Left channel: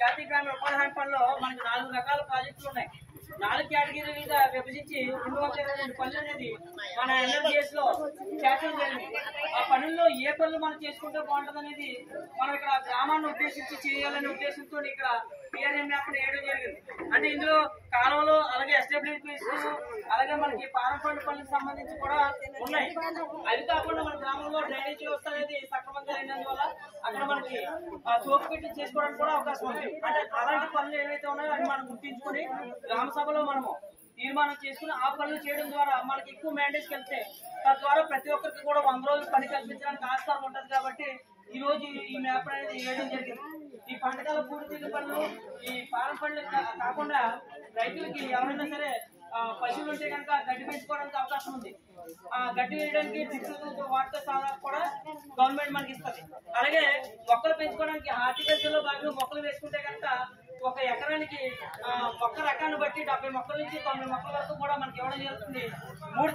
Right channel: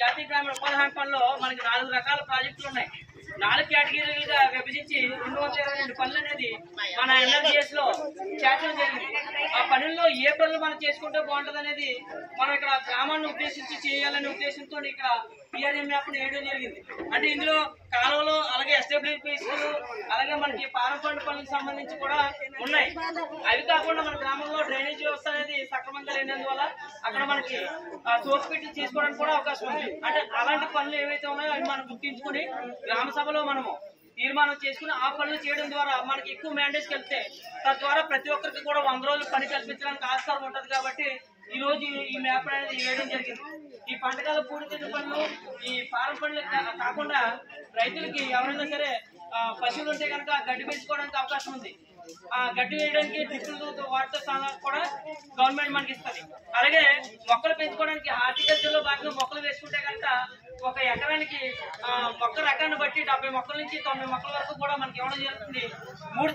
జాతీయ గ్రామీణ ఉపాధి హామీ పనుల్లో మనకి 4 రకాల ప్రాజెక్టులు ఉన్నాయి. 4 కేటగిరీలుగా విభజించి 222 పనులు అనేది మన ఎన్ఆర్జీఎస్ లో చేర్చడం జరిగింది. ఆ పనుల్లో ఏ పనులు మనం చేసుకుంటే బాగుంటుంది అనేది మనం ఇక్కడ గ్రామాన్ని ఉద్దేశించి చేయాలనే ఉద్దేశంతో ఇక్కడ పిఆర్ఎం మ్యాప్ వేయడం జరిగింది. అంటే ఇందులో కాలువలు, అలాగే ఎస్టాబ్లిష్మెంట్స్, అలాగే మనకి పారం ఫండ్ పనులకు సంబంధించి కూడా ఉన్నాయి. అవి కాకుండా మన గ్రామంలో డ్రైనేజ్ వ్యవస్థ అనేది సక్రమంగా లేనందువల్ల అక్కడ మనకి సోపు పెట్టి చేసుకోవడానికి కూడా అవకాశం ఉంది. అంటే అలాంటి పనులు ఏవైతే ఉన్నాయో అవి మనం గుర్తించుకుని గ్రామ సభలో మనము తీర్మానం చేసుకుని ఆ పనులు చేయడం ద్వారా మనకి ఎక్కువ మ్యాండేట్స్ వెళ్తే తద్వారా ప్రతి ఒక్కరికి కూడా 100 రోజులు పని కల్పించడానికి ఆస్కారం ఉంటుంది. కాబట్టి ఈ రోజు ఈ మ్యాప్ అనేది వేయడం జరిగింది. ఈ పంటకాల పూడితిద్దు పనులు, ఈ పారం పనులు కాకుండా రైతులకి ఎవరైనా సరే పశువులు ఉంటే కనుక గడ్డి పెంచుకోవడానికి అవకాశం ఉంది. ఆ గడ్డి వేయడానికి డ్రిప్పులతో వాటర్ కూడా గవర్నమెంట్ మనకి ఇస్తుంది. అలాగే మొక్కలు పెంచుకోవడానికి హార్టికల్చర్ లో భాగంగా మొక్కలు వేసుకుంటే కనుక ఒక ఎకరానికి మొక్క రకాన్ని బట్టి 70 మొక్కల నుంచి 90 మొక్కల వరకు కూడా మనకి ఇవ్వడం జరుగుతుంది. 3